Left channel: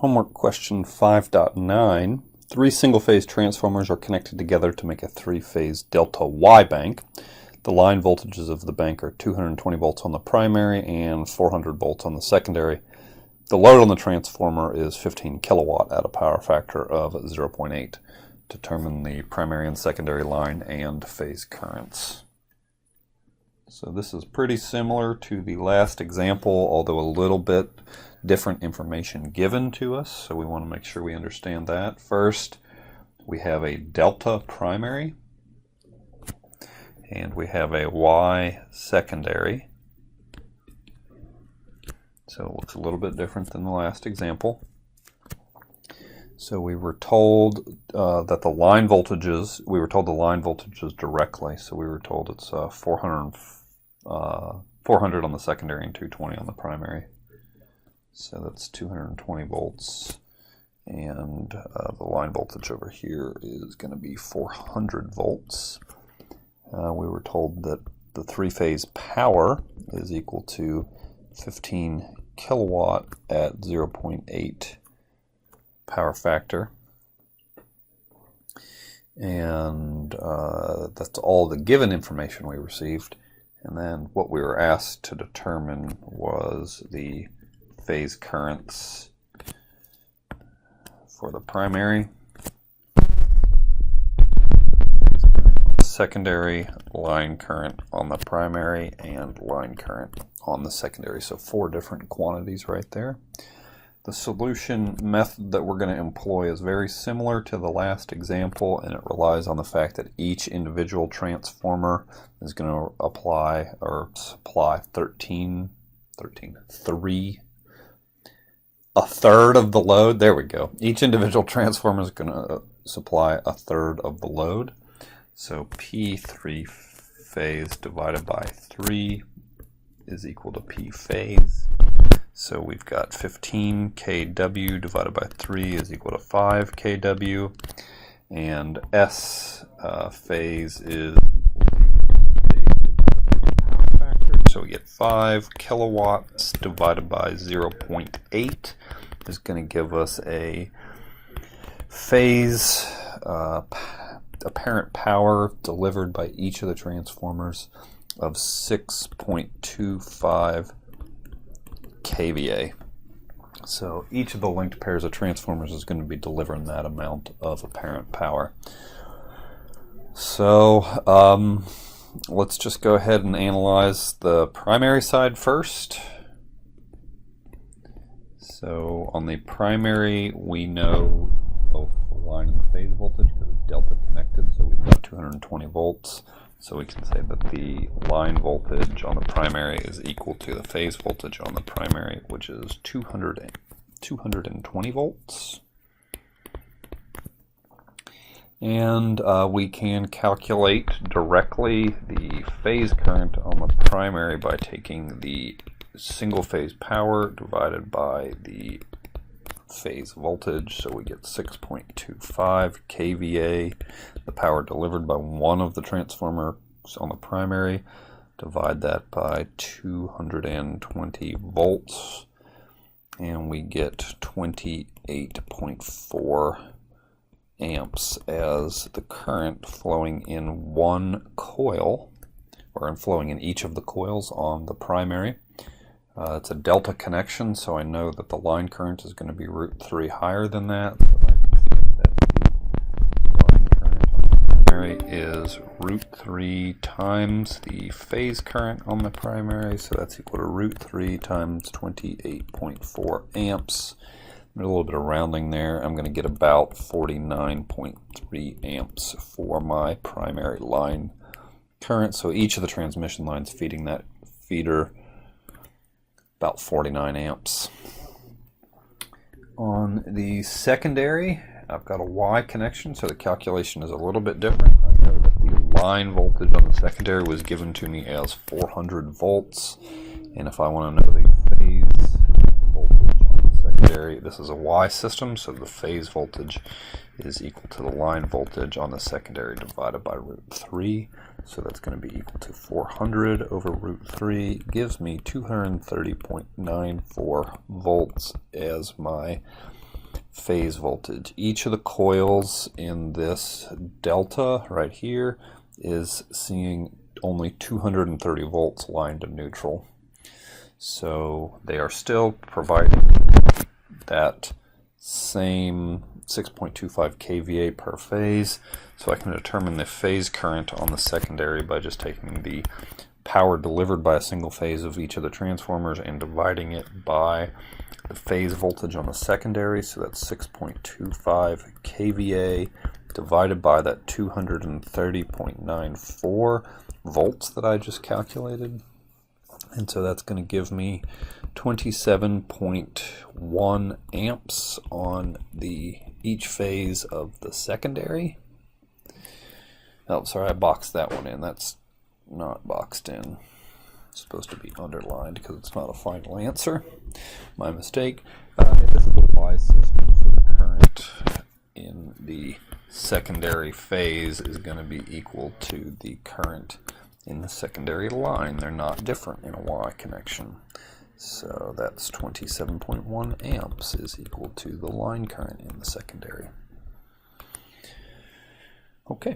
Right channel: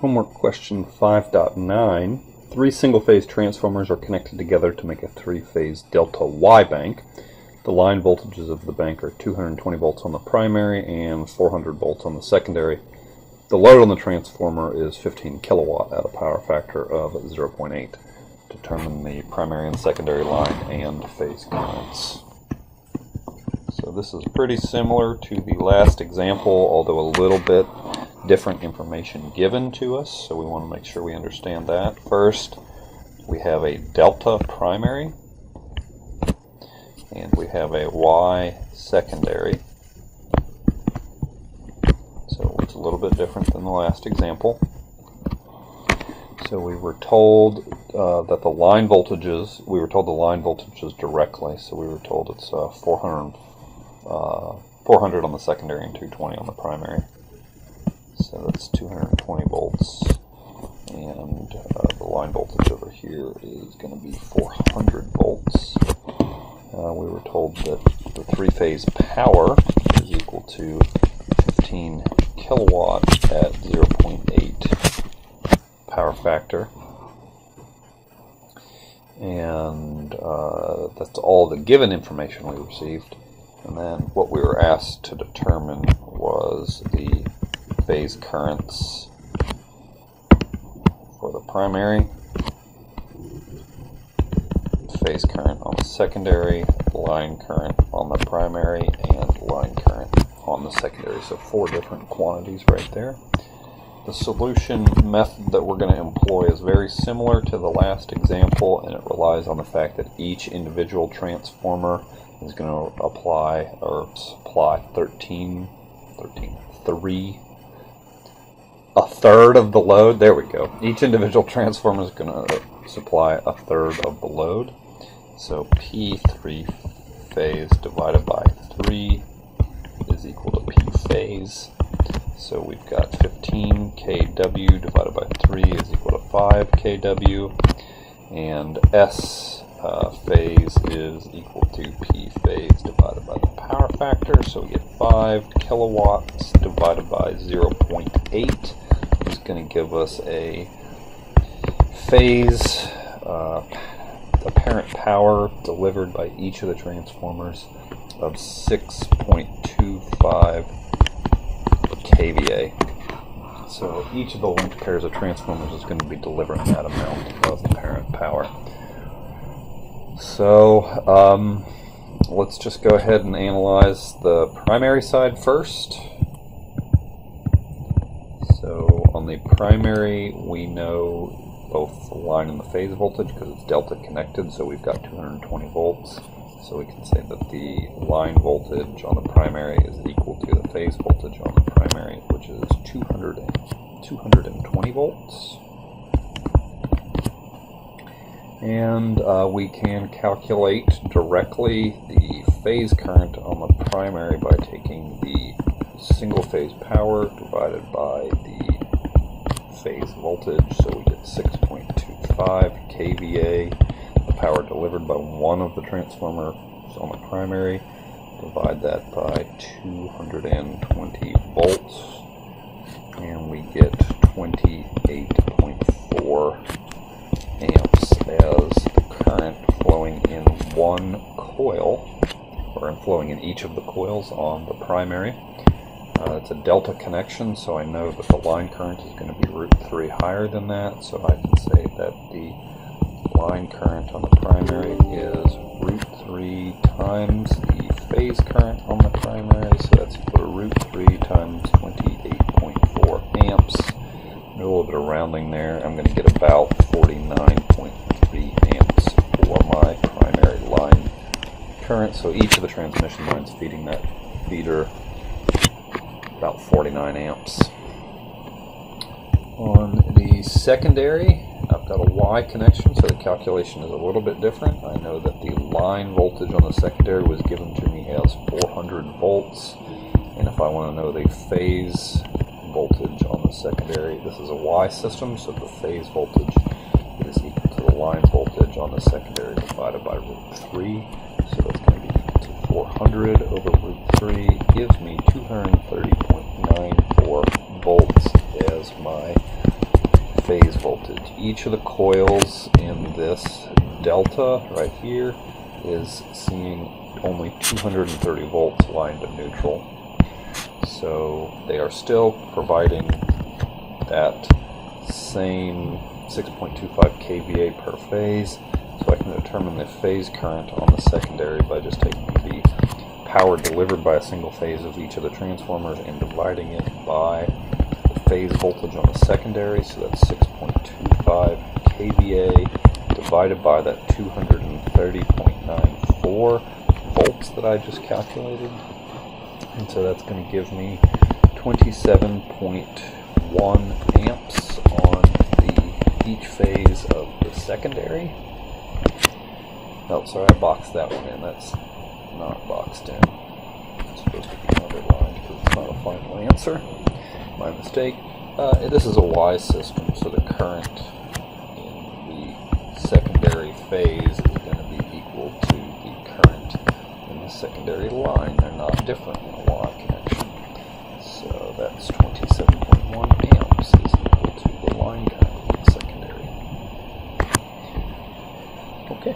Homework question 5.9. Three single-phase transformers are connected together to make a three-phase delta Y bank. The line voltages of the bank are 220 volts on the primary and 400 volts on the secondary. The load on the transformer is 15 kilowatt at a power factor of 0.8. Determine the primary and secondary line and phase currents. So this is pretty similar to the last example, although a little bit different information given to us, so we want to make sure we understand that. First, we have a delta primary, and we have a Y secondary. So it looks a little bit different than the last example. So we were told that the line voltages, directly, so we were told it's 400 on the secondary and 220 on the primary. So that's 220 volts, and the line voltage over here is going to be 400 volts. We were told that the three-phase power is equal to 15 kilowatt at 0.8 power factor, and that's all the given information we received. And then what we were asked to determine was the phase currents for the primary, phase current on the secondary, line current on the primary, and line current on the secondary. So 4 different quantities right there. The solution method that we're going to employ is very similar to the last example, and it relies on the fact that each individual transformer is going to apply or supply a third of the load. There we go. Each individual transformer is going to supply a third of the load. So P3 phase divided by 3 is equal to P phase. So we've got 15 kW divided by 3 is equal to 5 kW. And S phase is equal to P phase divided by the power factor. So we get 5 kilowatts divided by 0.8 is going to give us a phase apparent power delivered by each of the transformers of 6.25 kVA. So each of the linked pairs of transformers is going to be delivering that amount of apparent power. So let's just go ahead and analyze the primary side first. So on the primary, we know both the line and the phase voltage because it's delta connected, so we've got 220 volts. So we can say that the line voltage on the primary is equal to the phase voltage on the primary, which is 220 volts. And we can calculate directly the phase current on the primary by taking the single phase power divided by the phase voltage. So we get 6.25 kVA, the power delivered by one of the transformers on the primary. Divide that by 220 volts, and we get 28.4 amps as the current flowing in one coil, or flowing in each of the coils on the primary. It's a delta connection, so I know that the line current is going to be √3 higher than that, so I can say that the line current on the primary is √3 times the phase current on the primary, so that's equal to √3 times 28.4 amps. A little bit of rounding there. I'm going to get about 49.3 amps for my primary line current. So each of the transmission lines feeding that feeder about 49 amps. On the secondary, I've got a Y connection, so the calculation is a little bit different. I know that the line voltage on the secondary was given to me as 400 volts, and if I want to know the phase voltage on the secondary, this is a Y system, so the phase voltage is equal to the line voltage on the secondary divided by √3, so that's going to be equal to 400 over √3 gives me 230.94 volts as my phase voltage. Each of the coils in this delta right here is seeing only 230 volts line to neutral. So they are still providing that same 6.25 kVA per phase. So I can determine the phase current on the secondary by just taking the power delivered by a single phase of each of the transformers and dividing it by the phase voltage on the secondary. So that's 6.25 kVA divided by that 230.94 volts that I just calculated. And so that's going to give me 27.1 amps on each phase of the secondary. Oh, sorry, I boxed that one in. That's not boxed in. It's supposed to be underlined because it's not a final answer. My mistake. This is a Y system, so the current in the secondary phase is going to be equal to the current in the secondary line. They're not different in a Y connection. So that's 27.1 amps is equal to the line current in the secondary. Okay.